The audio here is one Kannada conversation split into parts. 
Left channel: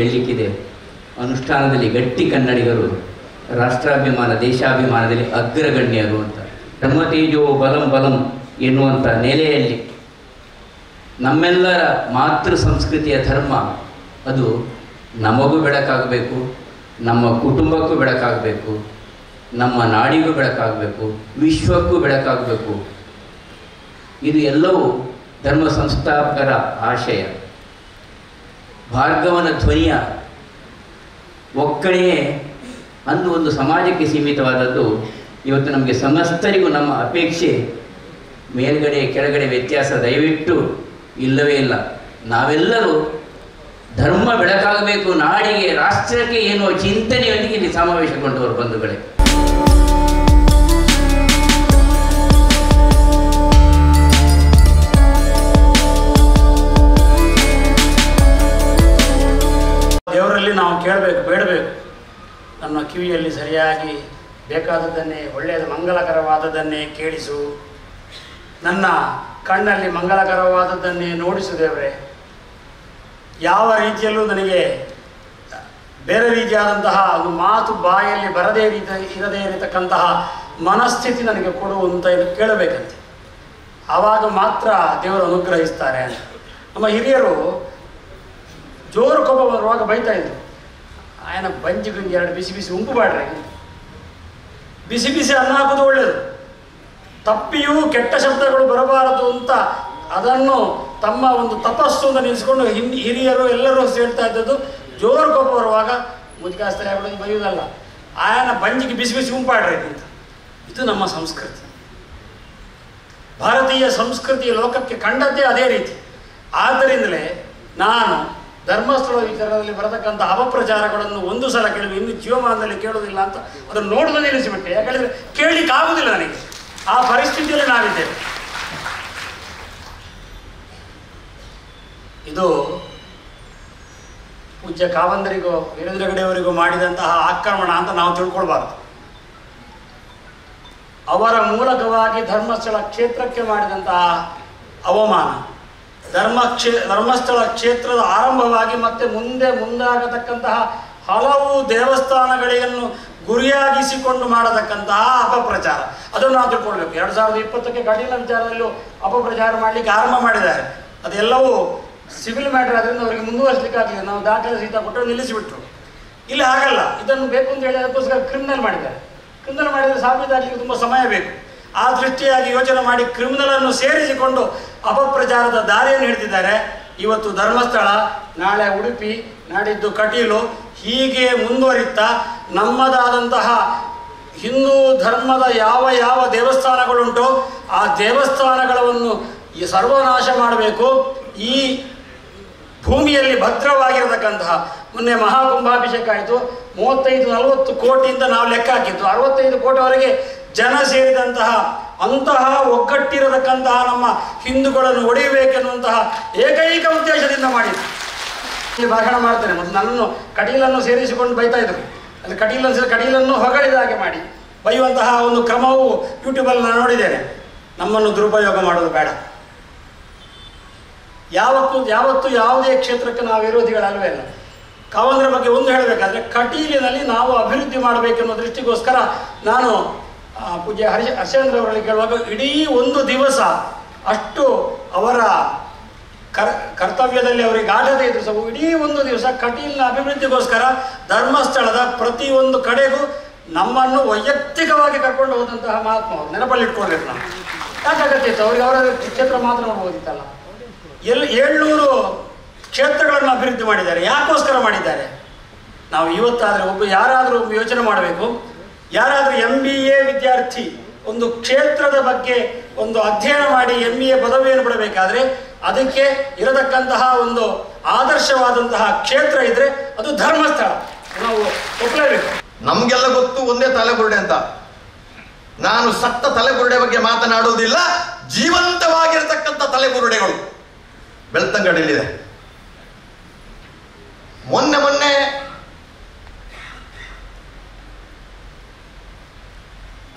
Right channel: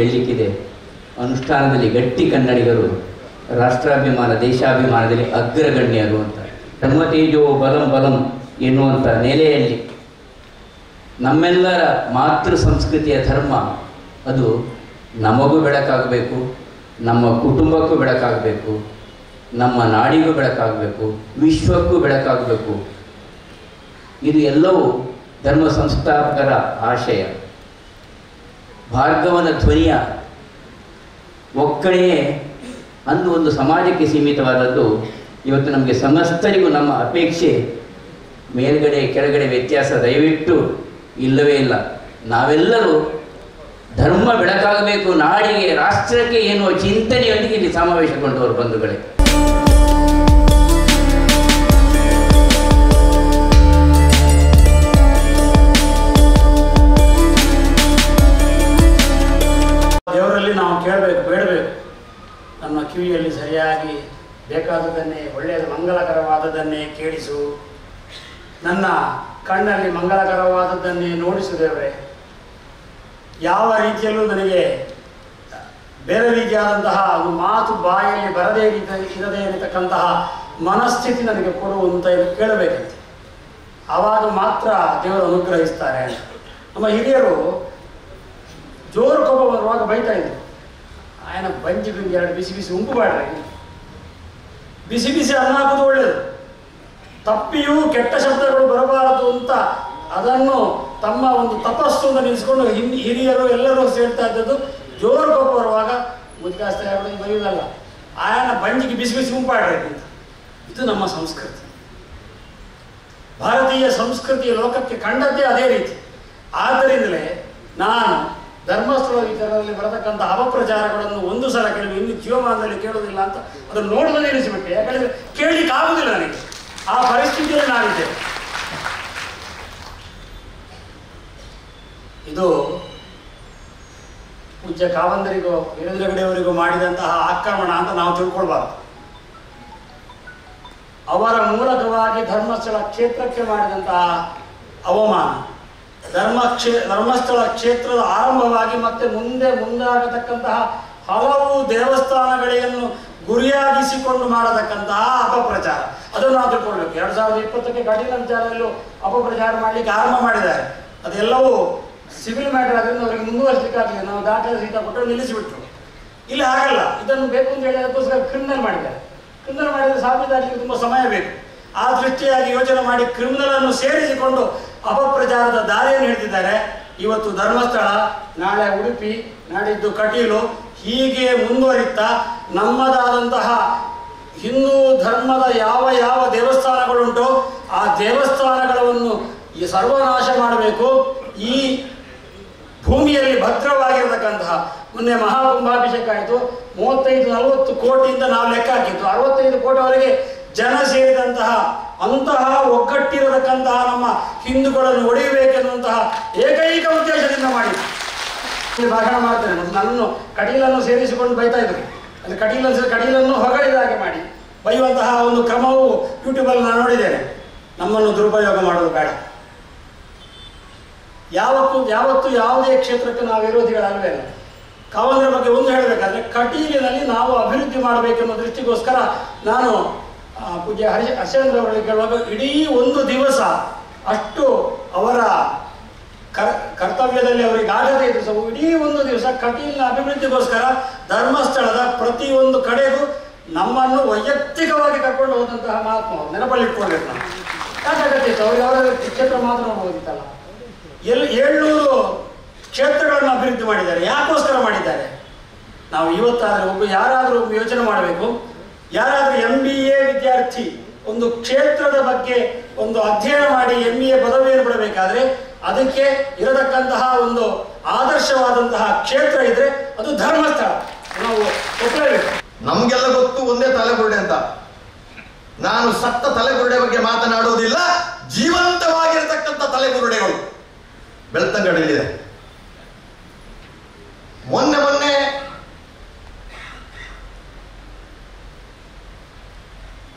ಹೇಳಲಿಕ್ಕಿದೆ, ಅನುಷ್ಠಾನದಲ್ಲಿ ಗಟ್ಟಿ ಕನ್ನಡಿಗರು ರಾಷ್ಟ್ರಾಭಿಮಾನ ದೇಶಾಭಿಮಾನದಲ್ಲಿ ಅಗ್ರಗಣ್ಯರು ಅಂತ. ಧರ್ಮತೇಜೋ ಬಲಂ ಬಲಂ ಎನ್ನುವಂಥ ನೆಲೆಯಲ್ಲಿ ನಮ್ಮೆಲ್ಲರ ಮಾತೃ ಸಂಸ್ಕೃತಿಯ ಧರ್ಮ ಅದು ನಮಗೂ ಬೆಳಕಾಗಬೇಕು, ನಮ್ಮ ಕುಟುಂಬಕ್ಕೂ ಬೆಳಕಾಗಬೇಕು, ನಮ್ಮ ನಾಡಿಗೂ ಬೆಳಕಾಗಬೇಕು, ವಿಶ್ವಕ್ಕೂ ಬೆಳಕಾಗಬೇಕು. ಇದು ಎಲ್ಲವೂ ಧರ್ಮ ಸಂಸ್ಥಾಪಕರ ಆಶಯ. ಭಾರ್ಗವನ ಧ್ವನಿಯ ಒಕ್ಕಣೆಯೇ ಅಂದು ಒಂದು ಸಮಾಜಕ್ಕೆ ಸೀಮಿತವಾದದ್ದು. ಇವತ್ತು ನಮಗೆ ಸಮಸ್ತರಿಗೂ ನಮ್ಮ ಅಪೇಕ್ಷೆ ಮೇಲ್ಗಡೆ ಕೆಳಗಡೆ ವ್ಯತ್ಯಾಸ ದಯವಿಟ್ಟು ಇಲ್ಲವೇ ಇಲ್ಲ. ನಾವೆಲ್ಲರೂ ಧರ್ಮ ಬೆಳಕಾಗಬೇಕು, ನಾಡಿಗೆ ರಾಷ್ಟ್ರಕ್ಕೆ ಎನ್ನುವ ಚಿಂತನೆಯೊಂದಿಗೆ ಇಲ್ಲಿ ಸಮಾವೇಶಗೊಂಡವರು ಬಂಧುಗಳೇ. ದೇವರಲ್ಲಿ ನಾವು ಕೇಳಬೇಕು, ಬೇಡಬೇಕು. ನನ್ನ ಕಿವಿಯಲ್ಲಿ ಸರಿಯಾಗಿ ಬೇಕಾದದನ್ನೇ, ಒಳ್ಳೆಯದು ಮಂಗಲಕರವಾದದ್ದನ್ನೇ ಕೇಳಿಸು, ನನ್ನ ಕಣ್ಣಲ್ಲಿ ಮಂಗಲಕರವಾದದ್ದನ್ನೇ ನೋಡಿಸು ದೇವರೇ. ಯಾವ ರೀತಿಯಲ್ಲೂ ನನಗೆ ಬೇರೆ ರೀತಿಯಾದಂತಹ ಒಂದು ಮಾತು ಬಾಯಲ್ಲಿ ಬರದೇ ಇರದೇ ಇರತಕ್ಕಂತಹ ಮನಸ್ಥಿತಿ ನನಗೆ ಕೊಡುವಂತ ಕೇಳಬೇಕಂತೆ. ಆವಾಗ ಮಾತ್ರ ದೇವರು ಅನುಗ್ರಹಿಸ್ತಾರೆ ಅಂತ. ನಮ್ಮ ಹಿರಿಯರು ಜೋರು ಕೋಪ ಬರುವಾಗ ಬೈತಾ ಇದ್ರು, ಆಯನ ಬಂಜಿಗೆ ಎರಡು ಬಿಸಿ ಬಿಸಿ ಉಂಪು ಬಾಡ್ರಿ, ಬಿಸಿ ಬಿಸಿ ಅನ್ನ ಹಾಕೋದು ಒಳ್ಳೆಯದು, ತಪ್ಪಿಯೂ ಕೆಟ್ಟ ಶಬ್ದಗಳು ಬರಬಾರದು ಅಂತ ಅದನ್ನು ತಮ್ಮ ಒಂದು ತಪಸ್ಸು ಅಂತ ನಿಲ್ಲಿಸ್ಕೊಂಡು ಹಿರಿಯರು ಎಲ್ಲರೂ ಸೇರ್ತಾ ಇದ್ದದ್ದು. ಜೋರು ಕೋಪ ಬರುವಾಗ ಮುದ್ಕಾಸ್ತಾರೆ ಆಗೋದು ಬೈಯುವುದಲ್ಲ, ಆಯನ ಬಂಜಿಗೆ ಬಿಸಿ ಬಿಸಿ ಉಂಪಾಡ್ರಿ ಅಂತ. ಇದು ನಮ್ಮ ಸಂಸ್ಕೃತಿ, ಭಾರತೀಯ ಸಂಸ್ಕೃತಿಯ ಲೋಕಕ್ಕೆ ಕಂಡದ್ದೇ ಅದೇ ರೀತಿ. ಆದ್ದರಿಂದಲೇ ನಾನು ಧರ್ಮಸ್ಥಳ ವಿಚಾರದಲ್ಲಿ ಬರತಕ್ಕಂಥ ಅಪಪ್ರಚಾರಗಳನ್ನು ಒಂದು ಸಲ ಕೇಳಿ ಇನ್ನು ಜೀವಮಾನದಲ್ಲಿ ಕೇಳುವುದಿಲ್ಲ ಅಂತ ಅದನ್ನು ನೋಡೋದನ್ನು ನಿಲ್ಲಿಸಿಬಿಟ್ಟೆ. ಯಾಕಂದರೆ ಕೇಳಲಿಕ್ಕೆ ಆಗುವುದಿಲ್ಲ ನನಗೆ, ಆ ಪರಿಸ್ಥಿತಿಯಲ್ಲಿ ನಾವಿದ್ದೇವೆ. ಇದು ಪೂಜ್ಯ ಕಾವಂದರಿಗೂ ವೀರೇಂದ್ರ ಹೆಗಡೆಯವರಿಗೂ ಮಾಡಿದಂತಹ ಆಕ್ರಮಣ ಅಂತ ನಾವು ತಿಳ್ಕೊಳ್ಬಾರ್ದು. ಅವರ ಮೂಲಕವಾಗಿ ಧರ್ಮಸ್ಥಳ ಕ್ಷೇತ್ರಕ್ಕೆ ಮಾಡಿದಂತಹ ಅವಮಾನ, ಧರ್ಮಸ್ಥಳ ಕ್ಷೇತ್ರದ ಆರಂಭವಾಗಿ ಮತ್ತೆ ಮುಂದಾಗತಕ್ಕಂತಹ ಹಲವು ದೇವಸ್ಥಾನಗಳನ್ನು ಗುರಿಯಾಗಿಸಿಕೊಂಡು ಮಾಡತಕ್ಕಂತಹ ಅಪಪ್ರಚಾರ, ಅದನ್ನು ನಾವು ತಿಳ್ಕೊಳ್ಬೇಕು. 2020ಕ್ಕೆ ಕಟೀಲ ವಿಚಾರದಲ್ಲೂ ಅಪಪ್ರಚಾರ ಮಾಡಲಿಕ್ಕೆ ಆರಂಭ ಮಾಡಿದ್ದಾರೆ. ಅದೆಲ್ಲವೂ ಸಿವಿಲ್ ಮ್ಯಾಟರ್, ಅದರಿಂದ ಅವರಿಗೆ ಮುಂದುವರಿಸಲಿಕ್ಕೆ ಆಗಲಿಲ್ಲ. ನಾವು ದಾಖಲೆ ಸಹಿತ ಕೊಟ್ಟರು, ನಿಲ್ಲಿಸಿಬಿಟ್ರು. ಇಲ್ಲಿ ಹಾಗಲ್ಲ, ಇದನ್ನು ಬೇಕು ಅಂತ ಹೇಳಿ ಅದಕ್ಕೋಸ್ಕರ ಕ್ರಿಮಿನಲ್ ಮಾಡಿದ್ದಾರೆ. ಕ್ರಿಮಿನಲ್ ಮಾಡಿದರೆ ಸಾಬೀತಾಗಲಿಕ್ಕೆ ತುಂಬ ಸಮಯ ಬೇಕು. ಆ ದೃಷ್ಟಿಯಾಗಿ ಯೋಚನೆ ಮಾಡಿ ಕ್ರಿಮಿನಲ್ ಅನ್ನು ಸೇರಿಸಿಕೊಂಡು ಅಪಪ್ರಚಾರದ ದಾರಿಯನ್ನು ಹಿಡಿದಿದ್ದಾರೆ. ಇವತ್ತು ಧರ್ಮಸ್ಥಳ, ನಾಳೆ ಉಡುಪಿ, ನಾಡಿದ್ದು ಕಟೀಲು, ಹೀಗೆ ಮುಂದುವರಿತಾ ನಮ್ಮದಾದಂತಹ ಹಿಂದೂ ಧರ್ಮದ ಯಾವ ಯಾವ ದೇವಸ್ಥಾನಗಳುಂಟೋ ಆ ದೇವಸ್ಥಾನಗಳನ್ನು ಸರ್ವನಾಶ ಮಾಡಬೇಕು. ಈ ಭೂಮಿಯಲ್ಲಿ ಭದ್ರವಾಗಿರತಕ್ಕಂತಹ, ಮೊನ್ನೆ ಮಹಾಕುಂಭಾಭಿಷೇಕ ಆಯಿತು, 35-40 ಕೋಟಿಯಿಂದ ನಾವು ಲೆಕ್ಕ ಹಾಕಿದ್ದು 65 ಕೋಟಿವರೆಗೆ ಜನ ಸೇರಿದಂತಹ ಅಂತಹ ಒಗ್ಗಟ್ಟಿರತಕ್ಕಂತಹ ನಮ್ಮ ಹಿಂದೂಗಳನ್ನು ಒಡೆಯಬೇಕೆನ್ನುವಂತಹ ಏಕೈಕ ಉದ್ದೇಶದಿಂದ ಮಾಡಿದ್ರು. ಇಲ್ಲಿ ಭಾಷಣ ಮಾಡ್ತೇನೆ, ಮತ್ತು ನನ್ನನ್ನು ಕಟೀಲನ್ನು ಸೇರಿಸಿಕೊಂಡು ಬೈತಾ ಇದ್ರು. ಅದು ಕಟೀಲನ್ನು ಹೊಗಳಿದ ಹಾಗೆ ಮಾಡಿ ಬೈಯುವಂತಹ ಒಂದು ಕ್ರಮವು ಯೂಟ್ಯೂಬಲ್ಲಿ ನಾನು ನೋಡಿದ್ದೇನೆ. ನಮ್ಮನ್ನು ದುರುಪಯೋಗ ಮಾಡೋದು ಬೇಡ. ಯಾವತ್ತು ಯಾವುದೇ ಕ್ಷೇತ್ರಕ್ಕೆ ನಾವು ವಿರೋಧಿಗಳಲ್ವೇ ಅಲ್ಲ. ಕಾವಂದರ ಬಗ್ಗೆ ಒಂದು ಹೇಳಬೇಕಾದ್ರೆ, ಕಟೀಲಿನಲ್ಲಿ ನಾವು ಅಭಿವೃದ್ಧಿ ಮಾಡಬೇಕೆನ್ನುವ ದೃಷ್ಟಿಗೋಸ್ಕರ ನಾನು ಪೂಜ್ಯ ಹರ್ಷೇಂದ್ರ ಅವರಲ್ಲಿ ಕೇಳುವಾಗ ಇಡೀ ಒಂದು ದಿವಸ ಅಷ್ಟು ಅವರ ಕರ್ತವ್ಯದಲ್ಲಿ ಅವರಿಗೆ ಆಗದೇ ಇದ್ರು ಸಹ ಇಡೀ ಒಂದು ದಿವಸ ಕಟೀಲಿನ ಅಭಿವೃದ್ಧಿಗೋಸ್ಕರ ಧರ್ಮಸ್ಥಳದ ಪ್ರತಿಯೊಂದು ಕಡೆಗೂ ನಮ್ಮನ್ನು ವೈಯಕ್ತಿಕವಾಗಿ ಕರ್ಕೊಂಡು ಹೋದಂತಹ ಮಹಾತ್ಮ ಅವರು ನೆನಪಲ್ಲಿಟ್ಕೊಳ್ಬೇಕು. ನಾವು ಯಾಕಾಗತ್ತಿತ್ತು ಅವ್ರಿಗೆ ಅವರ ಕ್ಷೇತ್ರ ಮಾತ್ರ ನೋಡ್ಬೋದಿತ್ತಲ್ಲ. 700 ಕ್ಷೇತ್ರಗಳನ್ನು ಅಭಿವೃದ್ಧಿ ಮಾಡಿದ್ದಾರೆ. ಯಾಕೋಸ್ಕರ ಮಾಡಿದ್ದಾರೆ? ನಾವು ಇವತ್ತಾದರೆ ಯಾರಾದರೂ ಯೋಚನೆ ಮಾಡಬೇಕು. ಯಾರಾದರೂ MBA ವಿದ್ಯಾರ್ಥಿ ಒಂದು ಕ್ಷೇತ್ರದ ಬಗ್ಗೆ ಒಂದು ಅಧ್ಯಯನ ಮಾಡಿ MBA ಪದವಿಯನ್ನು ಪಡಬೇಕಾದ್ರೆ ಅದಕ್ಕೆ ಇರತಕ್ಕಂತಹ ಒಂದು ಆದರ್ಶವಾದಂತಹ ಕ್ಷೇತ್ರ ಇದ್ರೆ ಅದು ಧರ್ಮಸ್ಥಳ. ನಾವು ಒಪ್ಪಲೇಬೇಕು. ನಮ್ಗೆಲ್ಲ ಗೊತ್ತು ಒಂದೇ ತಲೆಬುರುಡೆ ಅಂತ. ನಾನು ಸತ್ತ ತಲೆಬುರುಡೆ ಬಗ್ಗೆ ಮಾತನಾಡುವುದಿಲ್ಲ, ಜೀವಂತವಾಗಿರತಕ್ಕಂಥ ತಲೆಬುರುಡೆಗಳು ಬೆಳ್ತಂಗಡಿಯಲ್ಲಿದೆ. ಮೊನ್ನೆ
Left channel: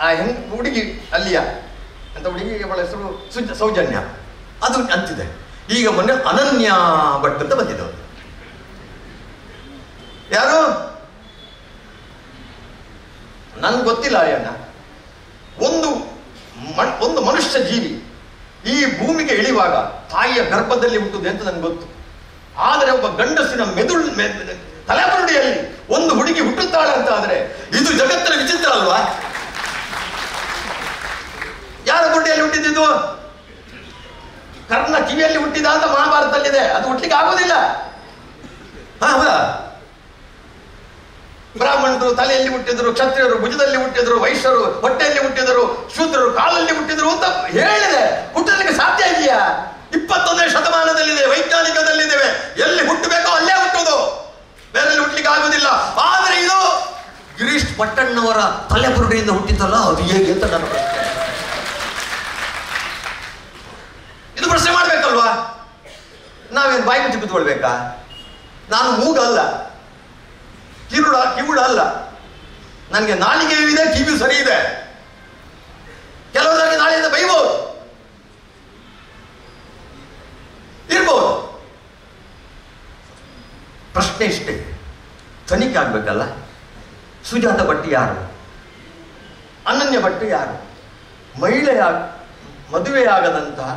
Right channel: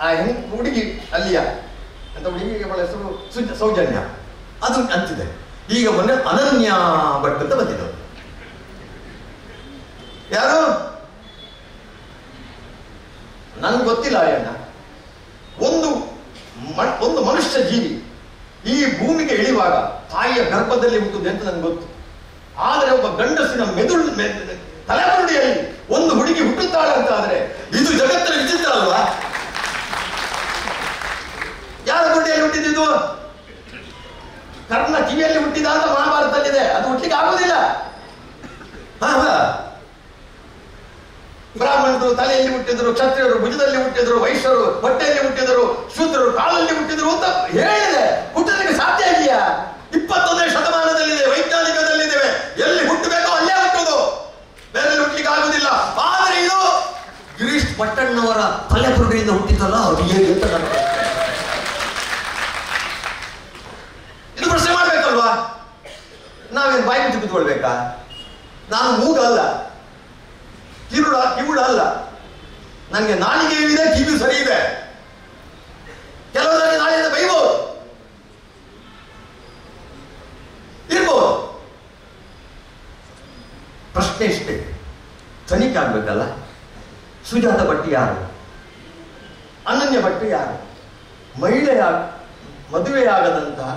ಆ ಹುಡುಗಿ ಅಲ್ಲಿಯ ಅಂತ ಹುಡುಗಿಗೆ ಅವಳ ಹೆಸರು ಸೌಜನ್ಯ, ಅದು ಅಂತಿದೆ. ಈಗ ಮೊನ್ನೆ ಅನನ್ಯ ಭಟ್ ಅಂತ ಬಂದಿದ್ದವು. ನನ್ಗೆ ಗೊತ್ತಿಲ್ಲ ಅಯ್ಯಣ್ಣ. ಒಂದು ಮನುಷ್ಯ ಜೀವಿ ಈ ಭೂಮಿಗೆ ಇಳಿಯುವಾಗ ತಾಯಿಯ ಗರ್ಭದಲ್ಲಿ ಹುಟ್ಟುದೆ ಅಂತ ನನ್ಗೆ ಗೊತ್ತು. ಆದರೆ ಒಬ್ಬ ಗಂಡಸಿನ ತಲೆಬುರುಡಿಯಲ್ಲಿ ಒಂದು ಹುಡುಗಿ ಹುಟ್ಟುತ್ತಾಳೆ ಅಂತ ಆದ್ರೆ ಇದು ಜಗತ್ತಿನ ವಿಚಿತ್ರ ಅಲ್ವಾ? ಯಾರ ಬುರುಡಿಯಲ್ಲಿ ಹುಟ್ಟಿದ್ದು? ಕರ್ಣ ಕಿವಿಯಲ್ಲಿ ಹುಟ್ಟಿದ ಅಂತ ಮಹಾಭಾರತದಲ್ಲಿದೆ. ಅದು ಹುಟ್ಟಲಿಕ್ಕೆ ಆಗೋದಿಲ್ಲ. ಬ್ರಾಹ್ಮಣರು ತಲೆಯಲ್ಲಿ ಹುಟ್ಟಿದ್ರು, ಕ್ಷತ್ರಿಯರು ಭುಜದಲ್ಲಿ ಹುಟ್ಟಿದ್ರು, ವೈಶ್ಯರು ಹೊಟ್ಟೆಯಲ್ಲಿ ಹುಟ್ಟಿದರು, ಶೂದ್ರರು ಕಾಲಲ್ಲಿ ಹುಟ್ಟಿದ್ರು ಅಂತ ಹೇಳಿದೆ. ಹುಟ್ಟಲಿಕ್ಕೆ ಸಾಧ್ಯ ಇದೆಯಾ? 21ನೇ ಶತಮಾನದಲ್ಲಿದೆ, ವೈಜ್ಞಾನಿಕದಲ್ಲಿದ್ದೇವೆ. ಎಲ್ಲಿ ಹುಟ್ಟಬೇಕೋ ಅಲ್ಲೇ ಹುಟ್ಟುವುದು, ಬೇರೆ ಹುಟ್ಟಲಿಕ್ಕೆ ಆಗುದಿಲ್ಲ. ಆದರೆ ಇದು ಗಿರೀಶ್ ಪಟ್ಟಣ್ಣವರ ತಲೆಬುರುಡಿಯಿಂದ ಹುಟ್ಟಿತಲ್ಲ, ಅದು ಹೇಗೆ ಅಂತ ನನ್ನ ಪ್ರಶ್ನೆ. ಇದು ಪ್ರಶ್ನೆ ಮಾಡ್ಬೇಕಲ್ವಾ? ನಾವೇನು ಬಾಯಿ ಮುಚ್ಚಿ ಕೂತ್ಕೊಳ್ಬೇಕಾ? ನಾನು ಮೂಗಲ್ಲ, ಕಿವುಡ ಅಲ್ಲ. ನನಗೆ ನಾಲಿಗೆಯೂ ಇದೆ, ಕಿವಿಯೂ ಸರಿ ಇದೆ. ಕೆಲವರಿಗೆ ನಾಳೆಯಿಂದ ಬೈಬಹುದು, ಇರ್ಬೋದು. ಪ್ರಶ್ನೆ ಇಷ್ಟೇ, ತನಿಖೆ ಆಗ್ಬೇಕಲ್ಲ. ಸುಜಾತ ಭಟ್ ಯಾರು? ಅನನ್ಯ ಭಟ್ ಯಾರು? ಮದುವೆಯಾಗದಂತಹ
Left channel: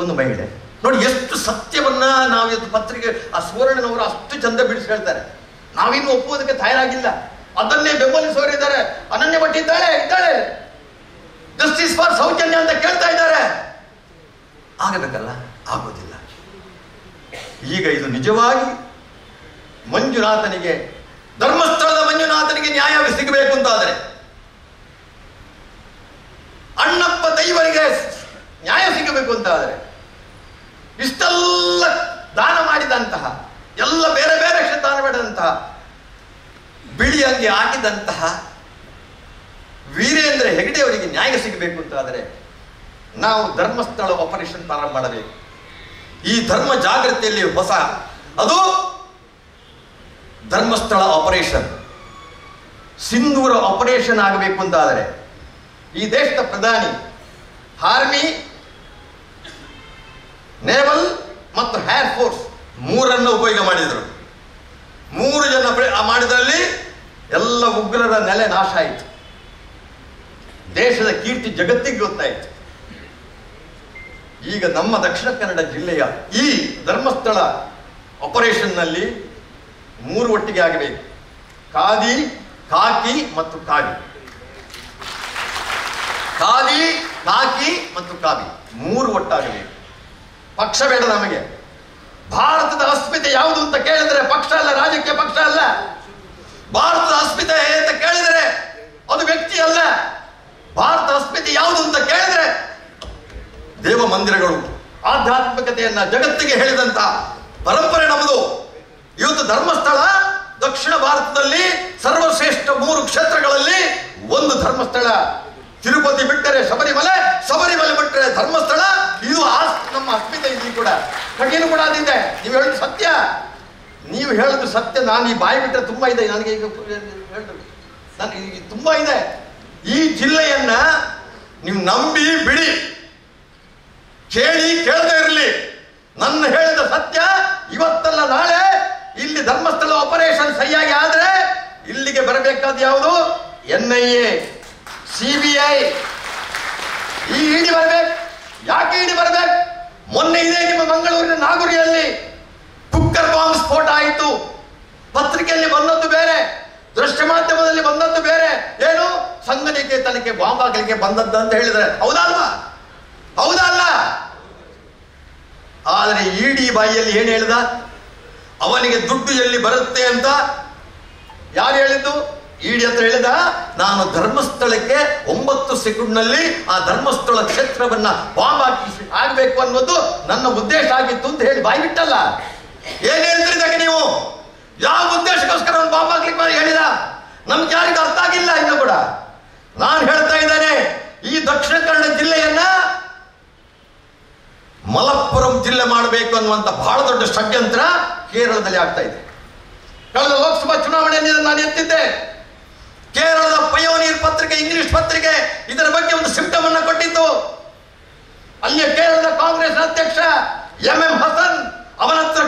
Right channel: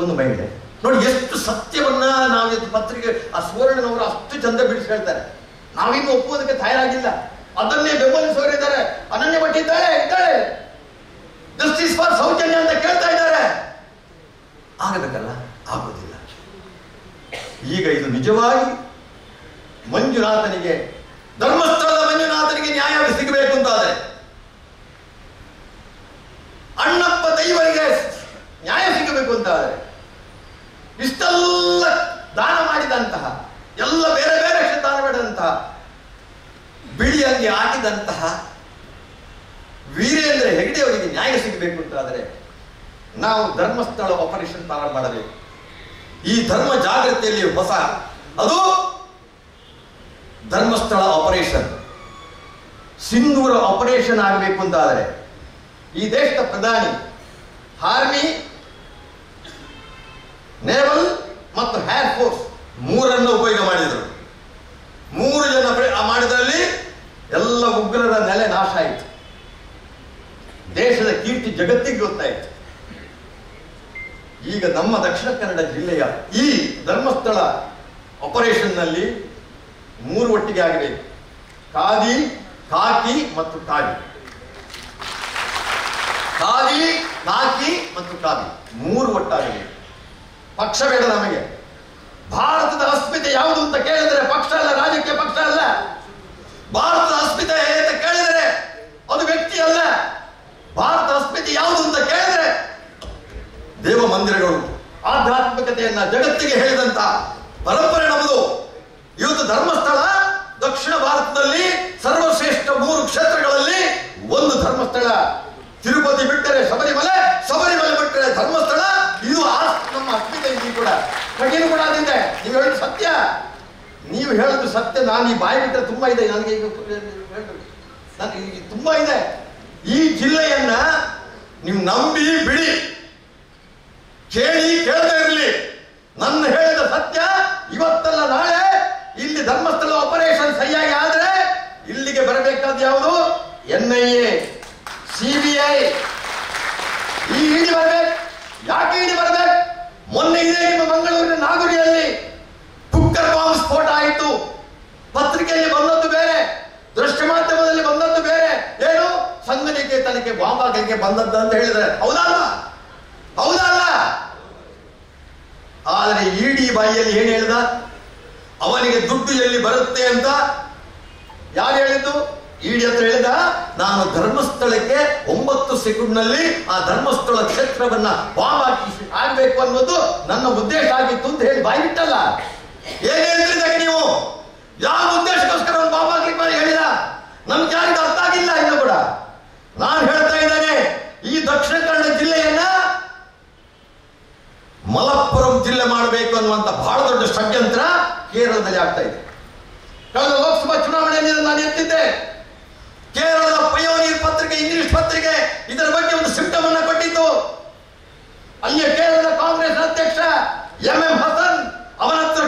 ಒಂದು ಮಹಿಳೆ. ನೋಡಿ ಎಷ್ಟು ಸತ್ಯವನ್ನ ನಾವು ಪತ್ರಿಕೆ ಆ ಸುವರ್ಣನವರು ಅಷ್ಟು ಚಂದ ಬಿಡಿಸಿ ಹೇಳ್ತಾರೆ. ನಾವಿನ್ನು ಒಪ್ಪುವುದಕ್ಕೆ ತಯಾರಾಗಿಲ್ಲ, ಅದನ್ನೇ ಬೆಂಬಲಿಸುವವರಿದ್ದಾರೆ. ಅನನ್ಯ ಭಟ್ ಇದ್ದಾಳೆ, ಜಸ್ಟಿಸ್ ಫಾರ್ ಸೌಜನ್ಯ ಅಂತ ಕೇಳ್ತಾ ಇದ್ದಾರೆ. ಆಗಬೇಕಲ್ಲ, ಆಗೋದಿಲ್ಲ. ಈಗ ಇದು ನಿಜವಾಗಿ ಮಂಜುನಾಥನಿಗೆ, ಧರ್ಮಸ್ಥಳದ ಮಂಜುನಾಥನಿಗೆ ನ್ಯಾಯ ಸಿಗಬೇಕು ಅಂತಾದರೆ, ಅಣ್ಣಪ್ಪ ದೈವರಿಗೆ ನ್ಯಾಯ ಸಿಗಬೇಕು ಅಂತಾದರೆ, ಇಷ್ಟೆಲ್ಲ ದಾನ ಮಾಡಿದಂತಹ, ಎಲ್ಲ ಬೇರೆ ಬೇರೆ ದಾನ ಮಾಡಿದಂತಹ, ಬಿಳಿ ಅಂಗಿ ಹಾಕಿದಂತಹ ವೀರೇಂದ್ರ ಹೆಗಡೆ ಅವರಿಗೆ ನ್ಯಾಯ ಸಿಗಬೇಕು ಅಂತಾದರೆ ನಾವು ಧರ್ಮಸ್ಥಳ ಆಪರೇಷನ್ ಪ್ರಾರಂಭ ಮಾಡಬೇಕು. ಈ ಧರ್ಮ ಜಾಗೃತಿಯಲ್ಲಿ ಹೊಸ, ಅದು ಧರ್ಮಸ್ಥಳ ಆಪರೇಷನ್. ಸಿಂಧೂರ ಆಪರೇಷನ್ ಆಗಬೇಕು ಅಂತಾದರೆ ಈ ದೇಶದ ಪ್ರಧಾನಿ ಆರ್ಮಿ, ನೇವಲ್ ಮತ್ತು ಏರ್ ಫೋರ್ಸ್ ಮೂರನ್ನು ಉಪಯೋಗ ಮಾಡಿದರು. 3 ಜನ ಮಾಡಿದಲ್ಲಿ ಎಲ್ಲ ಉಗ್ರರ ನೆಲೆ ನಾಶ ಆಯಿತು. ದೇಶದ ಕೀರ್ತಿ ಜಗತ್ತಿಗೆ ಗೊತ್ತಾಯಿತು. ಈಗ ನಮ್ಮ ದಕ್ಷಿಣ ಕನ್ನಡ ಜಿಲ್ಲೆಯ ಈ ಧರ್ಮಸ್ಥಳ ಆಪರೇಷನ್ನಲ್ಲಿ 3 ಒಟ್ಟಿಗೆ ಆಗಬೇಕು. ಖಾದಿ, ಕಾಕಿ ಮತ್ತು ಕಾವಿ. ಖಾದಿ, ಕಾಕಿ ಮತ್ತು ಕಾವಿ 3 ಒಟ್ಟಾಗಬೇಕು. ಪಕ್ಷ ಬೇಡ ನಮಗೆ. ಭಾರತದ ಅಸ್ಮಿತೆ ಯಾವುದು ಅಂತ ಕೇಳಿದರೆ ಪಕ್ಷ ಅಲ್ಲ, ರಾಜಕೀಯ ಪಕ್ಷ ಅಲ್ಲ. ಭಾರತದ ಅಸ್ಮಿತೆ ಅಂತ ಕೇಳಿದರೆ ಅದು ವ್ಯಕ್ತಿ ಅಲ್ಲ. ಭಾರತ ಅಸ್ಮಿತೆ ಯಾವುದು ಅಂತ ಕೇಳಿದರೆ ದೇವ ಮಂದಿರಗಳು, ಆಧ್ಯಾತ್ಮಿಕತೆಯನ್ನ ಜಗತ್ತಿಗೆ ಹೇಳಿದಂತ ಪರಂಪರೆ ನಮ್ಮದು. ಇವತ್ತು ಧರ್ಮಸ್ಥಳ ದಕ್ಷಿಣ ಭಾರತದಲ್ಲಿ ಸರ್ವಶ್ರೇಷ್ಠ 3 ಕ್ಷೇತ್ರಗಳಲ್ಲಿ ಒಂದು ಧರ್ಮಸ್ಥಳ. ತಿರುಪತಿ ಬಿಟ್ಟರೆ ಶಬರಿಮಲೆ, ಶಬರಿಮಲೆ ಬಿಟ್ಟರೆ ಧರ್ಮಸ್ಥಳ. ಇದು ನಮ್ಮ ಅಸ್ಮಿತೆ. ಇಲ್ಲಿ ಕೂಡ ಕಠಿಣ ಕೂಡ ಅದಿದೆ. ನೀವು ಹೇಳೋದು ಸತ್ಯ, ನೀವು ಹೇಳೋದು ಸತ್ಯ. ನಾನು ಈ ಬಾಯಿ ಬಿಟ್ಟರೆ ತುಂಬಾ ಇದೆ. ನನಗೆ ಈಗ ನನಗೆ ತುಂಬಾ ಇದೆ. ಈ ಜಿಲ್ಲೆಯನ್ನ ನೀವು ನಂಬಿ ಬಿಡಿ, ಕೇಳಿ ಕೇಳದೇ ಇರಲಿ. ನನ್ನ ಹೇಳಿದ ಸತ್ಯ ಇವತ್ತಲ್ಲ ನಾಳೆ ಇಲ್ಲಿ ಧರ್ಮಸ್ಥಳ ಆಪರೇಷನ್ ಸರಿಯಾಗಿ ಆದ್ರೆ ಇಲ್ಲಿಗೆ ಬರಬೇಕಾದ ಯಾವುದು? NIA, CBI, ಈ ಇಡಿ ಬರ್ಬೇಕು. ಯಾಕೆ ಇಡಿ ಬರ್ಬೇಕು? ಮೊನ್ನೆ ಇದೆ ನಿಮ್ಮ ಮಂಗಳೂರಿನ ನಾಗುರಿಯಲ್ಲಿ ಕುಕ್ಕರ್ ಬಾಂಬ್ ಸ್ಫೋಟ ಆಯಿತು. ಪತ್ರಿಕೆಯಲ್ಲಿ ಬಂದದ್ದು ಬೇರೆ, ದೃಶ್ಯ ಮಾಧ್ಯಮದಲ್ಲಿ ಬಂದದ್ದು ಬೇರೆ. ಏನು ಸಂಘನಿಕೆ ತನಿಖೆ ಬಾಂಬ್ ಹಾಕಲಿಕ್ಕೆ ಬಂದದ್ದು ಅಂತ ಹೇಳಿದ್ರೆ ಹೌದಲ್ಲ? ಹೌದಲ್ಲ? ಆದರೆ ಇಡಿ ಬಾಯಿಯಲ್ಲಿ ಏನು ಹೇಳಿದ? ಅವನಿಗೆ ದುಡ್ಡು ಎಲ್ಲಿ ಬರುತ್ತೆ ಅಂತ ಯಾರು ಹೇಳಿದ್ದು? ಇಡಿ ಹತ್ರ ಹೇಳಿದ, ನಾನು ಧರ್ಮಸ್ಥಳಕ್ಕೆ 9 ಸೆಕೆಂಡ್ನಲ್ಲಿ ಆ ಧರ್ಮಸ್ಥಳ ಕ್ಷೇತ್ರವನ್ನ ಬಾಂಬ್ ಆಗ್ಬೇಕು ಅನ್ನೋದು ನನ್ನ ಉದ್ದೇಶ ಆಗಿತ್ತು ಅಂತ ಹೇಳಿ ಬಾಯಿ ಬಿಟ್ಟಲ್ಲ. ಏನ್ ಹೇಳ್ತಿದ್ದಾಗ ನೀವು? ಯಾವ ಉದ್ದೇಶಕ್ಕೋಸ್ಕರ ಒಂದು ಬಾಂಬ್ ಹಾಕ್ಲಿಕ್ಕೆ ಹೇಳಿದ? ನಮ್ಗೆ ಯಾರಿಗೂ ಅರ್ಥ ಆಗಿಲ್ಲ ಇನ್ನು ಕೂಡ. ನಾನು ಹೇಳ್ತಾ ಇದ್ದೇನೆ, ಈ ದಕ್ಷಿಣ ಕನ್ನಡ ಜಿಲ್ಲೆಯನ್ನ ಮಲಪ್ಪುರಂ ಜಿಲ್ಲೆ ಮಾಡಬೇಕು ಅನ್ನುವಂತ ಬಹಳ ದೊಡ್ಡ ಷಡ್ಯಂತ್ರ ಕೇರಳದಲ್ಲಿ ಆಗ್ತಾ ಇದೆ. ಕಳೆದ ಲೋಕಸಭಾ ಚುನಾವಣೆಯಲ್ಲಿ ನಾನು ಎತ್ತಿದ್ದೆ. ಕೇರಳದ ಪಯೋನೀರ್ ಪತ್ರಿಕೆ, ಇಂಗ್ಲಿಷ್ ಪತ್ರಿಕೆ ಇದರ ಬಗ್ಗೆ ಒಂದು ಸಿಂಪ್ಟಮ್ ಅನ್ನ ಕೊಟ್ಟಿದ್ದು. ಅಲ್ಲಿಯ ಕೇರಳದ ಕಾಂಗ್ರೆಸ್ ಅಧ್ಯಕ್ಷ MM ಹಸನ್ ಅವನ ಹತ್ರ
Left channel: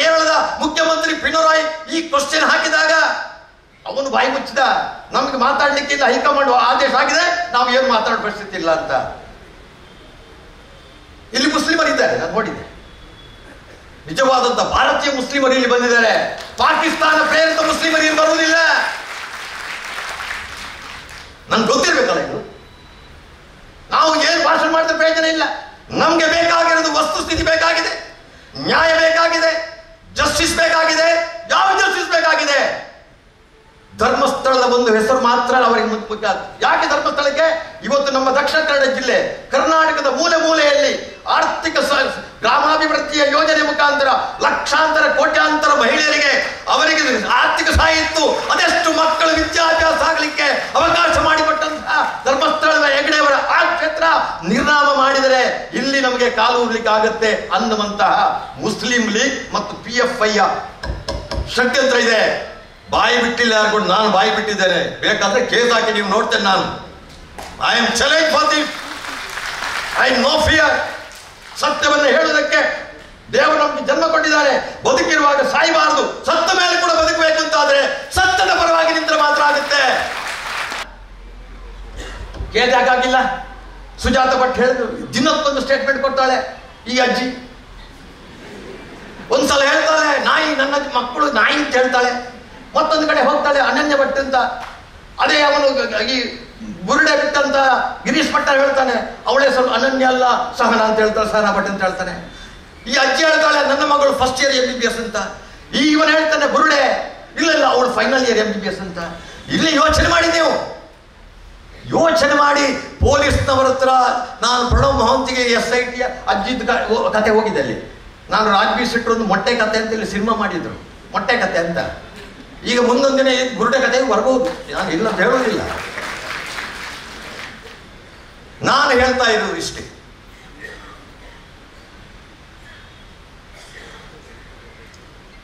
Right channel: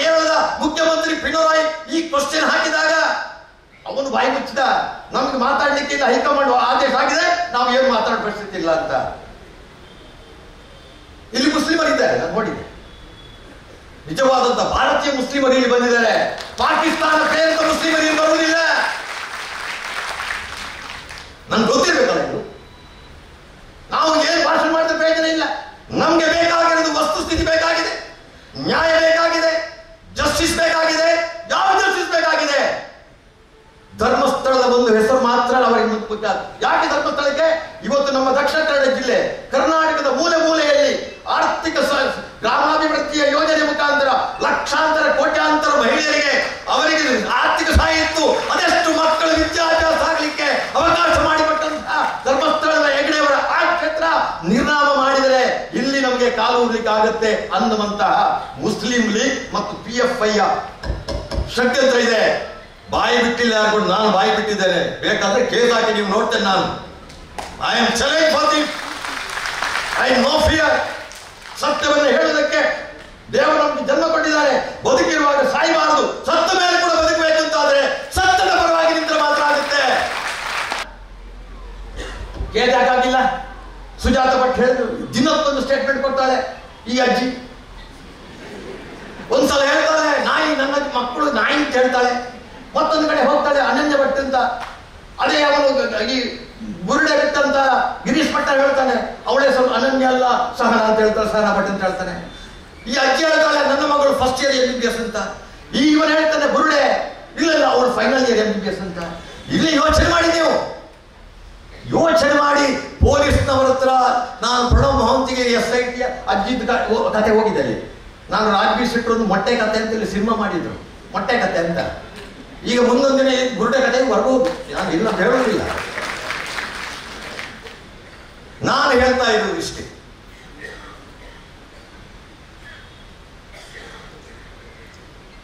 ಕೇರಳದ ಮುಖ್ಯಮಂತ್ರಿ ಪಿಣರಾಯಿ ಈ ಕ್ವಶನ್ ಹಾಕಿದಾಗ ಅವನು ಬಾಯಿ ಮುಚ್ಚಿದ. ನಮ್ಗೆ ಮಾತಾಡ್ಲಿಕ್ಕಿಲ್ಲ, ಹೈಕಮಾಂಡ್ ಆದೇಶ ಆಗಿದೆ, ನಾವು ಏನು ಮಾತಾಡೋ ಪರಿಸ್ಥಿತಿ ಇಲ್ಲ ಅಂತ. ಇಲ್ಲಿ ಮುಸ್ಲಿಮರಿದ್ದಾರೆ, ನಾನು ನೋಡಿದೆ. ನಿಜವಾದಂತ ಭಾರತೀಯ ಮುಸ್ಲಿಮರು ಇಲ್ಲಿ ಬಂದಿದ್ದಾರೆ. ಪಾಕಿಸ್ತಾನ ಪ್ರೇರಿತ ಮುಸ್ಲಿಮರು ಇಲ್ಲಿ ಬರುವುದಿಲ್ಲ. ನನ್ಗೆ ಗೊತ್ತಿರ್ಬೇಕಲ್ಲ ಇದು. ನಾವು ಏನು ಭಾಷಣ ಮಾಡಿದ್ರೆ ಪ್ರಯೋಜನ ಇಲ್ಲ. ನಮ್ಗೆ ಬೇಕಾಗಿರೋದು ವಸ್ತುಸ್ಥಿತಿ ಬೇಕಾಗಿದೆ, ನ್ಯಾಯ ಬೇಕಾಗಿದೆ, ಜಸ್ಟಿಸ್ ಬೇಕಾಗಿದೆ. ಯಾವ ಜಸ್ಟಿಸ್ ಬೇಕಾಗಿದೆ? ಧರ್ಮಸ್ಥಳದ ಒಂದು ಹೆಸರು ಮಾತ್ರ ಅವರಿಗೆ ಮುಖ್ಯ. ಯಾಕೆ ಧರ್ಮಸ್ಥಳಕ್ಕೆ? ಇವತ್ತು ನಮ್ಮ ದಕ್ಷಿಣ ಕನ್ನಡ ಜಿಲ್ಲೆ, ಕರ್ನಾಟಕದ ಮೂಲೆ ಮೂಲೆಯಲ್ಲಿ ಆರ್ಥಿಕ ಗ್ರಾಮಾಭಿವೃದ್ಧಿಯ ಯೋಜನೆ ಮುಖಾಂತರ ಲಕ್ಷಾಂತರ ಕೋಟ್ಯಾಂತರ ಮಹಿಳೆಯರಿಗೆ ಅವರಿಗೆ ಆರ್ಥಿಕ ಸಹಾಯ ಇತ್ತು. ಅದೆಷ್ಟು ಮಕ್ಕಳು ವಿದ್ಯಾಭ್ಯಾಸ ಆಗಲಿಕ್ಕೆ ಅವಕಾಶ ಮಾಡಿಕೊಟ್ಟಂತಹ ಧರ್ಮಸ್ಥಳದ ಹೆಗಡೆಯವರ ಆ ಕ್ಷೇತ್ರ ನಿರ್ನಾಮ ಮಾಡಿದರೆ ಇಲ್ಲಿ ನಮಗೆ ಕಾಲು ಊರ್ಲಿಕ್ಕೆ ಆಗುತ್ತೆ ಅನ್ನುವಂತಹ ಮುಸ್ಲಿಂ ಲೀಗ್ ಮತ್ತು PFI ಷಡ್ಯಂತ್ರ ಇದೆ. ಬಾಯಿ ಬಿಟ್ಟಿಲ್ಲ ಯಾರು, ನಾನು ಬಾಯಿ ಬಿಟ್ಟಿದ್ದೇನೆ. ಬೇಕಾದ್ರೆ ಕೇಸ್ ಹಾಕಿ ನೀವು ನೋಡ್ತೇನೆ. ನಾನು I am challenge for this. I know fear. ಸತ್ಯವನ್ನು ಹೇಳುವುದಕ್ಕೆ ದೇವರು ನಮ್ಗೆ ಜನ್ಮ ಕೊಟ್ಟಿದ್ದಾರೆ. ಬದುಕಿರುವಾಗ ಸಾಯಬಾರದು, ಸತ್ತ ಮೇಲೆ ಕೂಡ ಬದುಕಬೇಕು ಅಂತಾದ್ರೆ ಸತ್ಯದ ಪರವಾಗಿ ನಿಂತರೆ ಮಾತ್ರ ಆಗುತ್ತೆ. ಕೇಸ್ ಯಾಕಾಗಿಲ್ಲ? ಸುಜಾತ ಭಟ್ ಹೇಳಿದ್ರು, ದಿನಕ್ಕೊಂದು ಸ್ಟೇಟ್ಮೆಂಟ್ ಕೊಡ್ತಾಳೆ ಈ ಅಜ್ಜಿ. ಒಂದ್ಸಲ ಹೇಳ್ತಾಳೆ ನಾಯಿ, ನನ್ನ ಮಕ್ಕಳು ನಾಯಿ ಅಂತ ಹೇಳ್ತಾಳೆ. ಮತ್ತೊಂದು ಕಡೆ ಹೋಗ್ತಾಳೆ ಅನನ್ಯ ಭಟ್ ಅಂತ. ಅದೇ ಅವನು ಈ ಬುರುಡೆ ಬಿಟ್ಟಂತ ಗಿರೀಶ್ ಭಟ್ ಹೇಳ್ತಾನೆ, ಅವಳೇ ಸ್ವಲ್ಪ ಅನನ್ಯ ಅಲ್ಲ ಸಹನ ಅಂತ ಹೇಳ್ತಾಳೆ, ಸಹನ ಭಟ್ ಅಂತ ಹೇಳ್ತಾನೆ. ಈ ಅಜ್ಜಿ ಹೇಳ್ತಾಳೆ ನನ್ನ ಮಗಳು ಫಸ್ಟ್ ಇಯರ್ MBBS ಅಂತ. ಇವನು ಹೇಳ್ತಾನೆ ಬುರುಡೆ ಇಲ್ಲ ಅವಳು ಫೈನಲ್ ಇಯರ್ MBBS ಅಂತ. ಇಲ್ಲಿ ಯೋಚನೆ ಮಾಡಿ, ನೀವು ಯೋಚನೆ ಮಾಡಿ. ಪೊಲೀಸ್ನವರ ಹತ್ರ ನಾನು ಪ್ರಣವ್ ಮಹಂತಿಗೆ SIT ಅಜ್ಜಿದ ಕತೆ ಹೋಗಿದ್ದೆ. ಅಲ್ಲಿ ನಾನು ರಾಜ್ಬೀರ್ ಶೆಟ್ಟರ್ ಒಂದು ಮೊಟ್ಟೆ ಕತೆ ಅಂತ ಇಲ್ಲಿ ಸಿನಿಮಾ ಮಾಡಿದ್ರು, ಮೊಟ್ಟೆ ಕತೆ ಅಂತ. ಈಗ ಮುಂದೊಂದು ದಿನ ಬುರುಡೆ ಕತೆ ಬರ್ಬೋದು, ನಾನು ಇಲ್ಲ ಅಂತ ಹೇಳೋದಿಲ್ಲ. ನಾನು ಹೇಳ್ತಾ ಇರೋದು ಇಷ್ಟೇ.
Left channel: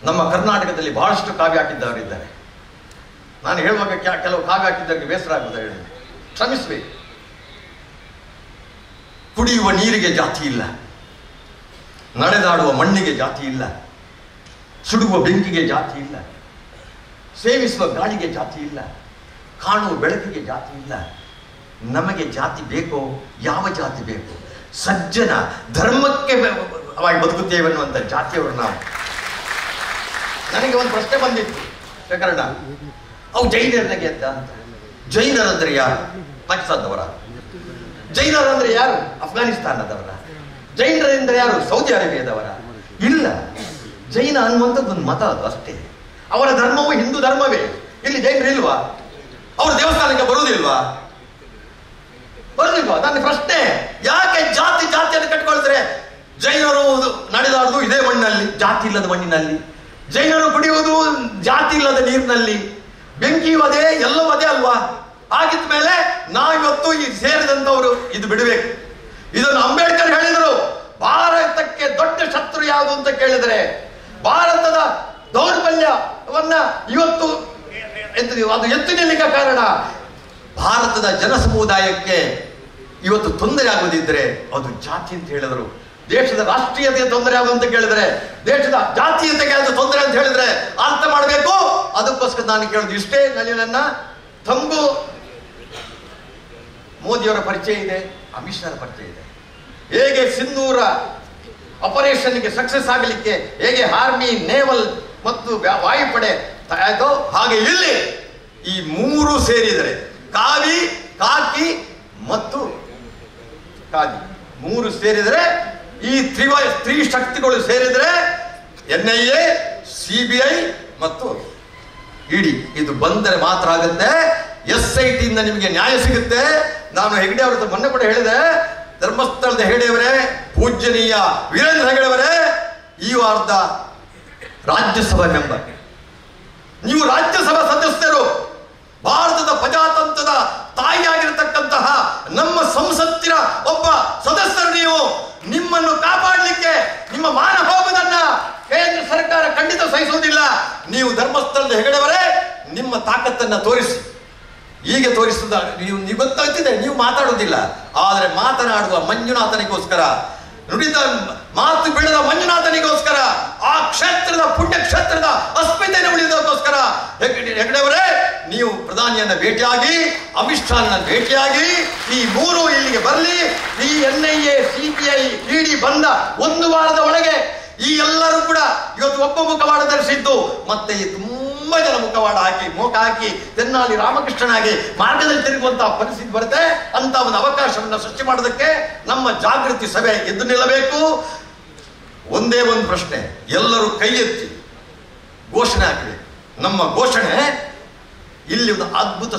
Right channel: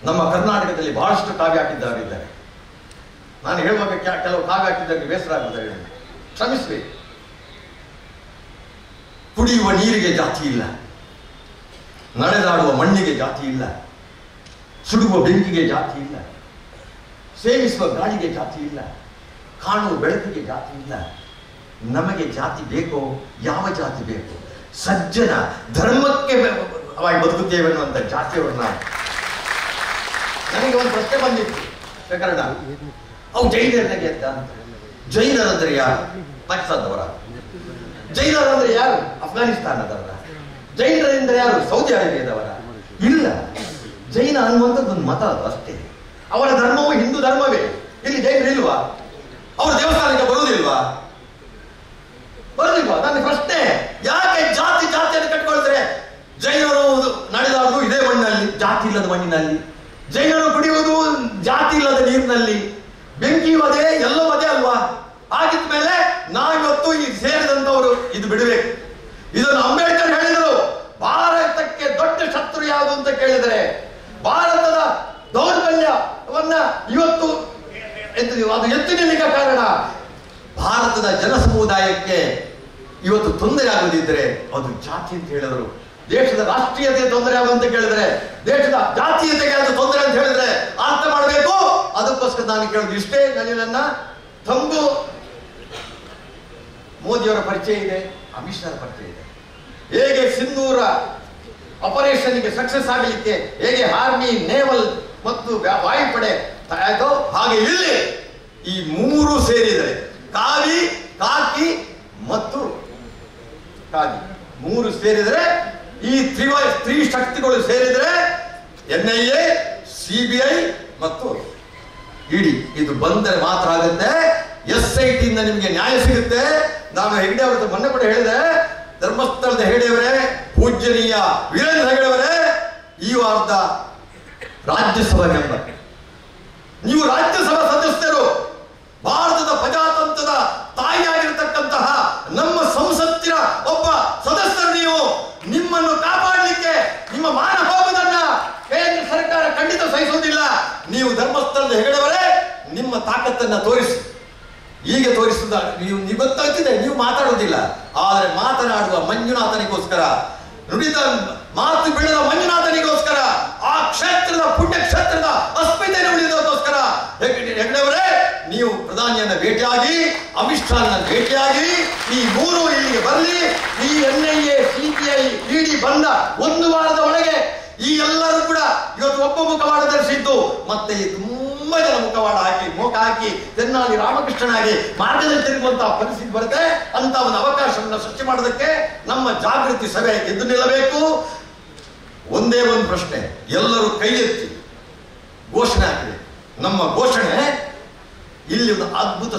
ನಮ್ಮ ಕರ್ನಾಟಕದಲ್ಲಿ ಬಹಳಷ್ಟು ಕಾವ್ಯ ಹಾಕಿದ್ದವರಿದ್ದಾರೆ. ನಾನು ಹೇಳುವಾಗ ಕೆಲವು ಕಾವ್ಯ ಹಾಕಿದ್ದವರಿಗೆ ಬೇಸರ ಆಗುತ್ತದೆ, ಹೇಳಿ ಕ್ಷಮಿಸಬೇಕು. ಕುಡಿಯುವ ನೀರಿಗೆ ಜಾತಿ ಇಲ್ಲ, ನಡೆದಾಡುವ ಮಣ್ಣಿಗೆ ಜಾತಿ ಇಲ್ಲ, ಸುಡುವ ಬೆಂಕಿಗೆ ಜಾತಿ ಇಲ್ಲ, ಸೇವಿಸುವ ಗಾಳಿಗೆ ಜಾತಿ ಇಲ್ಲ, ಕಾಣುವ ಬೆಳಕಿಗೆ ಜಾತಿ ಇಲ್ಲ. ನಮಗೆ ಜಾತಿ ಬೇಕೋ? ಯಾವ ಜಾತಿ ಬೇಕು? ಸಜ್ಜನ ಧರ್ಮಕ್ಕೆ ಬದುಕುತ್ತೇವೆ ಅನ್ನುವಂಥ ಜಾತಿಯವರು ನಾವು. ನನಗೆ ಒಂದು ಪ್ರಶ್ನೆ ಬಂದಿತ್ತು ಪ್ರಕರಣ, ಅವು ಜೈನರಿಗೆ ಅಂತ. ಜೈನರಂದ್ರೆ ಯಾರು? ಪಾಕಿಸ್ತಾನದವರ. ಜೈನರಂದ್ರೆ ಯಾರು? ಅಫ್ಘಾನಿಸ್ತಾನದವರ. ಜೈನರೆಂದರೆ ಯಾರು? ಸೌದಿ ಅರೇಬಿಯಾದವರ. ಇಲ್ಲ, ಜೈನ ಅನ್ನುವಂಥದ್ದು ಒಂದು ಮತ, ಅದು ಅಷ್ಟೇ. ಅವರ ಧರ್ಮವು ಹಿಂದೂ ಧರ್ಮವೇ. ಇಲ್ಲಿ ಜೈನರು ಇಲ್ವಾ? ಅವರು ದೇವಸ್ಥಾನಕ್ಕೆ ಬರುವುದಿಲ್ವಾ? ಬರುದಿಲ್ವಾ? ನನ್ನ ಪ್ರಶ್ನೆ, ಯಾಕೆ ಜಾತಿ ಜಾತಿಯನ್ನು ಕಟ್ಕೊಳ್ತಾರೆ? ಜೈನರು ನಡೆದಾಡುವುದು ಇದೇ ಮಣ್ಣಿನಲ್ಲಿ, ಜಾತಿ ಇಲ್ಲದ ಮಣ್ಣಿನಲ್ಲಿ. ಜೈನರು ಕುಡಿಯುವುದು ಜಾತಿ ಇಲ್ಲದ ನೀರಿನಲ್ಲಿ. ಬೆಂಕಿ ವಧೆ ಎಲ್ಲವೂ ಅದೇ ಅಲ್ವಾ? ಆಗಿದ ಮೇಲೆ ನಾವಿವತ್ತು ಈ ಸೇರಿದಂತವರು ಇದು ಬಿಡಬೇಕು. ಇದನ್ನು ಅಂಬೇಡ್ಕರ್ ಹೇಳಿದರು. ಭಾರತಕ್ಕೆ ದೊಡ್ಡ ಶತ್ರು ಯಾವುದು ಅಂತ ಕೇಳಿದರೆ ಭಾರತದ ದೌರ್ಬಲ್ಯವನ್ನ ಇವತ್ತು ಅದು ಎತ್ತಿ ನಿಲ್ಲಕ್ಕೆ ಕಾರಣ ಭಾರತದ ಜನ ಸಮುದಾಯಕ್ಕೆ ಇವತ್ತು ತೊಂದರೆ ಆಗುವುದಿದ್ರೆ ಅದು ಜಾತಿ ಅಂತ ಹೇಳಿದರು. ದೇಶದ ರಾಷ್ಟ್ರೀಯತೆ ತೊಂದರೆ ಆಗುವಂತ ಕೇಳಿದ್ರೆ, ದೇಶದ ಜಾತೀಯತೆಗೆ ಅದು ತೊಂದರೆ ಅಂತ ಹೇಳಿದ್ರೆ ಅರ್ಥ ಮಾಡಬೇಕು. ಅದಕ್ಕೋಸ್ಕರ ನಾನು ಕೇಳೋದು ಇಷ್ಟೇ. ನನ್ನ ತಂಗು ಮೋದಿಯವರ ಪರಿಚಯ ಇದೆ, ಅಮಿತ್ ಶಾ ಪರಿಚಯ ಇದೆ. ಹೇಗೆ ಸಿಂಧೂರ ಆಪರೇಷನ್ಗೆ ಸಕ್ಸಸ್ ಆಗಲಿಕ್ಕೆ ಹೇಗೆ ಆರ್ಮಿ, ನೇವಲ್ ಮತ್ತು ವಾಯುಪಡೆ ಆಯ್ತೋ, ಹಾಗೆ ಇಲ್ಲಿ ಈ ಮೂರು ಸೇರಿದರೆ ಕಾವಿ, ಕಾಕಿ ಮತ್ತು ಕಾದಿ ಮೂರು ಸೇರಿದರೆ, ಈ ತ್ರಿಶಕ್ತಿಗಳು ಸೇರಿದರೆ NIA, CBI ಮತ್ತು ED ಇದು ಬಂದರೆ ಮಾತ್ರ ಆಗುತ್ತೆ. SIT ಇಂದ ನಿಮಗೆ ನ್ಯಾಯ ಸಿಗುತ್ತೆ. ನಾನು ಹೆಗಡೆ ಅವರ ಮೊನ್ನೆ ಕೂಡ ಹೇಳಿದೆ, ಧರ್ಮಸ್ಥಳದ ಹೆಗಡೆಯವರೇ, ಪೂಜ್ಯನೀಯ ವೀರೇಂದ್ರ ಹೆಗಡೆಯವರೇ, you are the Rajyasabha member. ನೀವು ರಾಜ್ಯಸಭಾ ಸದಸ್ಯರು. ಭಾರತದ ಪ್ರಜಾತಂತ್ರದ ತಾಯಿಯಾಗಿರತಕ್ಕಂತಹ ನಮ್ಮ ಸಂಸತ್ತಿನ ಒಬ್ಬ ಸದಸ್ಯರು. ನೀವು ನಿಮ್ಮನ್ನು ಕಾಪಾಡಲಿಕ್ಕೆ ನಿಮ್ಮ ಮಾನ ಹೋಗುವುದನ್ನ ಕೇಂದ್ರ ಸರ್ಕಾರ ಖಂಡಿತ ಸಹಿಸುವುದಿಲ್ಲ. ನೀವು ಧರ್ಮಸ್ಥಳದ ಹೆಗಡೆಯವರೇ ನಿಮ್ಮ ತಾಕತ್ತನ್ನ ತೋರಿಸಿ. ಹೀಗೆ ತೋರಿಸುದ ನೀವು ಗೊತ್ತಾಗ್ತಿದೆ, ನೀವು ಮಾತಾಡುವುದಿಲ್ಲ. ಆದರೆ ಮಾತನಾಡುವ ಮಂಜುನಾಥನಿಗೋಸ್ಕರ ನುಡಿದ ಮಾತು ಬಿಡದ ಮಂಜುನಾಥನಿಗೋಸ್ಕರ, ಆ ಕ್ಷೇತ್ರದ ಪುಣ್ಯ ಕ್ಷೇತ್ರದ ಅಸ್ಮಿತೆಯನ್ನು ಉಳಿಯೋದಕ್ಕೋಸ್ಕರ ಹೆಗಡೆಯವರೇ, ನೀವು ಪ್ರಧಾನಿಯನ್ನ ಭೇಟಿಯಾಗಿ, ಅಮಿತ್ ಶಾನ ಭೇಟಿಯಾಗಿ, ಈ ಮೂರು ಇಲ್ಲಿಗೆ ಬರಲಿ. ಈ NIA, CBI, ED ಬಂದ 1 ವಾರದ ಒಳಗೆ ಈ ಎಲ್ಲರೂ ಕೂಡ ಇವತ್ತು ಒಬ್ಬ ಮುಖವಾಡ ಧರಿಸಿದ್ದು, ಮತ್ತೆ ಈ ತುಂಬಾ ಜನ ಮುಖವಾಡ ಹಾಕಿ ಮೋಕ ಹಾಕಿ ತೆನ್ನಾಲಿ ರಾಮಕೃಷ್ಣನಾಗಿ ಮಾರ್ಗದಲ್ಲಿ ತಿರುಗುವಂತಹ ಪರಿಸ್ಥಿತಿ ಬರುತ್ತೆ. ಅಂತ ಒಂದು ಅವಕಾಶವನ್ನು ಸೃಷ್ಟಿ ಮಾಡೋದಕ್ಕೆ ನಮ್ಮ ಜಾಗೃತಿ ಸಭೆ ಎದ್ದು ನಿಲ್ಲಬೇಕು. ಒಂದೇ ಒಂದು ಪ್ರಶ್ನೆ, ಎಲ್ಲರೂ ಕೈ ಎತ್ತಿ ಘೋಷಣೆ ಹಾಕಬೇಕು. ನಮ್ಮ ಘೋಷಣೆ ಇಲ್ಲಿ ಒಂದು ಅದ್ಭುತ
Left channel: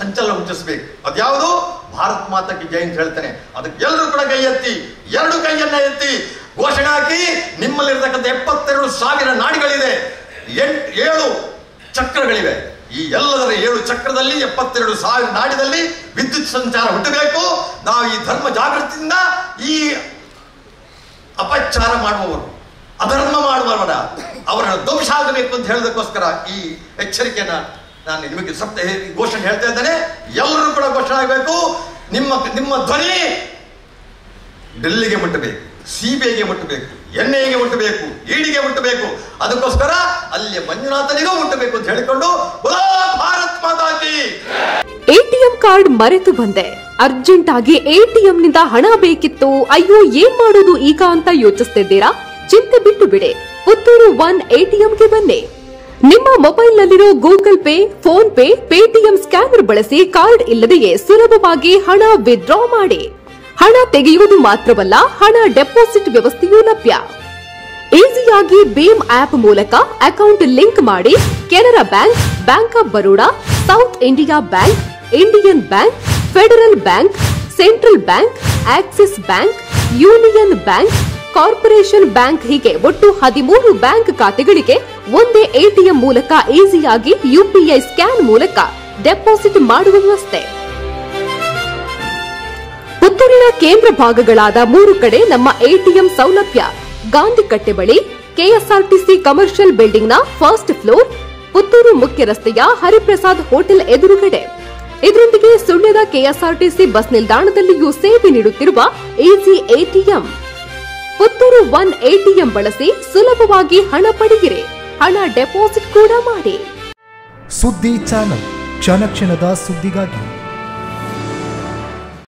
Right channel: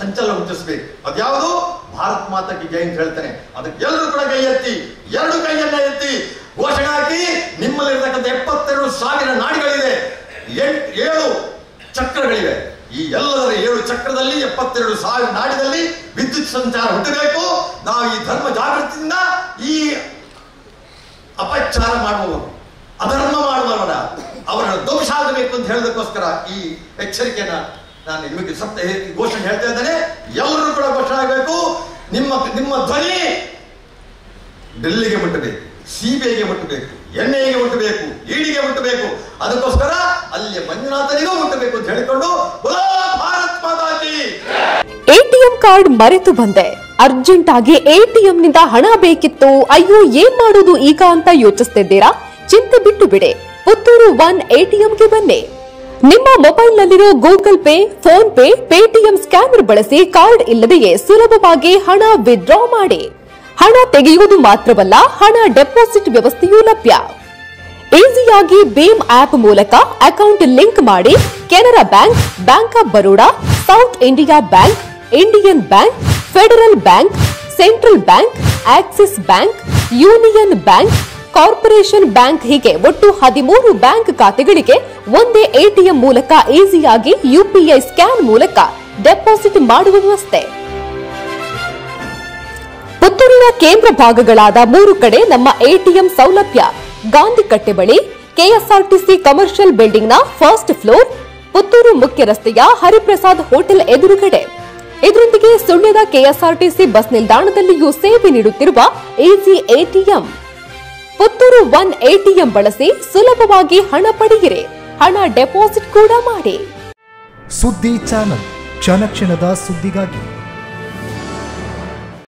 ಸಂಚಲನ ಹುಟ್ಟಿಸಬೇಕು. ಅದ್ಯಾವುದು? ಭಾರತ್ ಮಾತಾಕ್ಕೆ ಜೈ ಅಂತ ಹೇಳ್ತಾನೆ. ಅದಕ್ಕೆ ಎಲ್ಲರೂ ಕೂಡ ಕೈ ಎತ್ತಿ, 2 ಕೈಯನ್ನ ಎತ್ತಿ ಘೋಷಣೆ ಹಾಕಿ. ನಿಮ್ಮಲ್ಲಿರ್ತಕ್ಕಂಥ 72,000 ನಾಡಿಗಳಿದೆ, 7 ಚಕ್ರಗಳಿವೆ. ಈ ಎಲ್ಲದರ 7 ಚಕ್ರದಲ್ಲಿ 72,000 ನಾಡಿದಲ್ಲಿ ವಿದ್ಯುತ್ ಸಂಚಾರ ಹುಟ್ಟಬೇಕು. ನಾವು ಈ ಧರ್ಮ ಜಾಗೃತಿಯಿಂದ ಈ ಅಪಚಾರ ಮಾಡುವವರು, ಅಧರ್ಮ ಮಾಡುವವರ ಅವರನ್ನು ಧ್ವಂಸ ಆಗಬೇಕು ಅಂತ ಹೇಳೋದಕ್ಕೋಸ್ಕರ ಈ ಎಚ್ಚರಿಕೆಯನ್ನ ನಾನು ನಿಮಗೆ ಘೋಷಣೆ ಹೇಳ್ತಾ ಇದ್ದೇನೆ. ಎಲ್ಲರೂ ಕೂಡ ಘೋಷಣೆ ಆಗಬೇಕು. ನಿಮ್ಮ ಧ್ವನಿ ಡೆಲ್ಲಿಗೆ ಮುಟ್ಟಬೇಕು, CBIಗೆ ಮುಟ್ಟಬೇಕು, NIAಗೆ ಮುಟ್ಟಬೇಕು, EDಗೆ ಮುಟ್ಟಬೇಕು. ಅದಕ್ಕೋಸ್ಕರ ಅಲ್ಲಿ ಮಂಜುನಾಥನಿಗೂ ಮುಟ್ಟಬೇಕು ಅಂತ ಹೇಳಿಕೊಂಡು ಭಾರತ್ ಮಾತಾ ಕೀ. ATM ಕಾರ್ಡ್ ಮರೆತು ಬಂದೆ, ಅರ್ಜೆಂಟ್ ಆಗಿ ATM ನಿಂದ ಹಣ ಬೇಕಿತ್ತು, ಅಯ್ಯೋ ಏನ್ ಮಾಡೋದು ಈಗ ಅಂತ ಯೋಚಿಸ್ತಿದ್ದೀರಾ? ಚಿಂತೆ ಬಿಟ್ಟು ಬಿಡಿ, ಪುತ್ತೂರು 1 ATMಗೆ ಬನ್ನಿ. ನಿಮ್ಮ ಮೊಬೈಲ್ನಲ್ಲಿರೋ Google Pay, PhonePe, Paytm scanner ಬಳಸಿ ಕಾರ್ಡ್ ಇಲ್ಲದೆಯೇ ಸುಲಭವಾಗಿ ಹಣ ವಿತ್ಡ್ರಾ ಮಾಡಿ. ಹಣ ತೆಗೆಯುವುದು ಮಾತ್ರವಲ್ಲ, ಹಣ ಡೆಪಾಸಿಟ್ ವ್ಯವಸ್ಥೆಯೂ ಲಭ್ಯ. ಈಸಿಯಾಗಿ ಭೀಮ್ ಆಪ್ ಮೂಲಕ ಅಕೌಂಟ್ ಲಿಂಕ್ ಮಾಡಿ Canara bank, bank of Baroda, south India bank, Indian bank, federal bank, central bank, Axis bank, union bank, corporation bank ಹೀಗೆ ಒಟ್ಟು 13 ಬ್ಯಾಂಕ್ ಖಾತೆಗಳಿಗೆ ಒಂದೇ ATM ಮೂಲಕ ಈಸಿಯಾಗಿ UPI ಸ್ಕ್ಯಾನ್ ಮೂಲಕ ಡೆಪಾಸಿಟ್ ಮಾಡುವ ವ್ಯವಸ್ಥೆ. ಪುತ್ತೂರಿನ ಕೇಂದ್ರ ಭಾಗಗಳಾದ 3 ಕಡೆ ನಮ್ಮ ATM ಸೌಲಭ್ಯ. ಗಾಂಧಿ ಕಟ್ಟೆ ಬಳಿ KSRTC ಕಮರ್ಷಿಯಲ್ ಬಿಲ್ಡಿಂಗ್ನ ಫಸ್ಟ್ ಫ್ಲೋರ್, ಪುತ್ತೂರು ಮುಖ್ಯ ರಸ್ತೆಯ ಹರಿಪ್ರಸಾದ್ ಹೋಟೆಲ್ ಎದುರುಗಡೆ. ಇದರೊಂದಿಗೆ ಸುಳ್ಯದ KSRTC ಬಸ್ ನಿಲ್ದಾಣದಲ್ಲಿಯೂ ಸೇವೆ ನೀಡುತ್ತಿರುವ ಈಸಿ ATM. ಪುತ್ತೂರು 1 ATM ಬಳಸಿ ಸುಲಭವಾಗಿ ಹಣ ಪಡೆಯಿರಿ, ಹಣ ಡೆಪಾಸಿಟ್ ಕೂಡ ಮಾಡಿ. ಸುದ್ದಿ ಚಾನಲ್, ಕ್ಷಣ ಕ್ಷಣದ ಸುದ್ದಿಗಾಗಿ.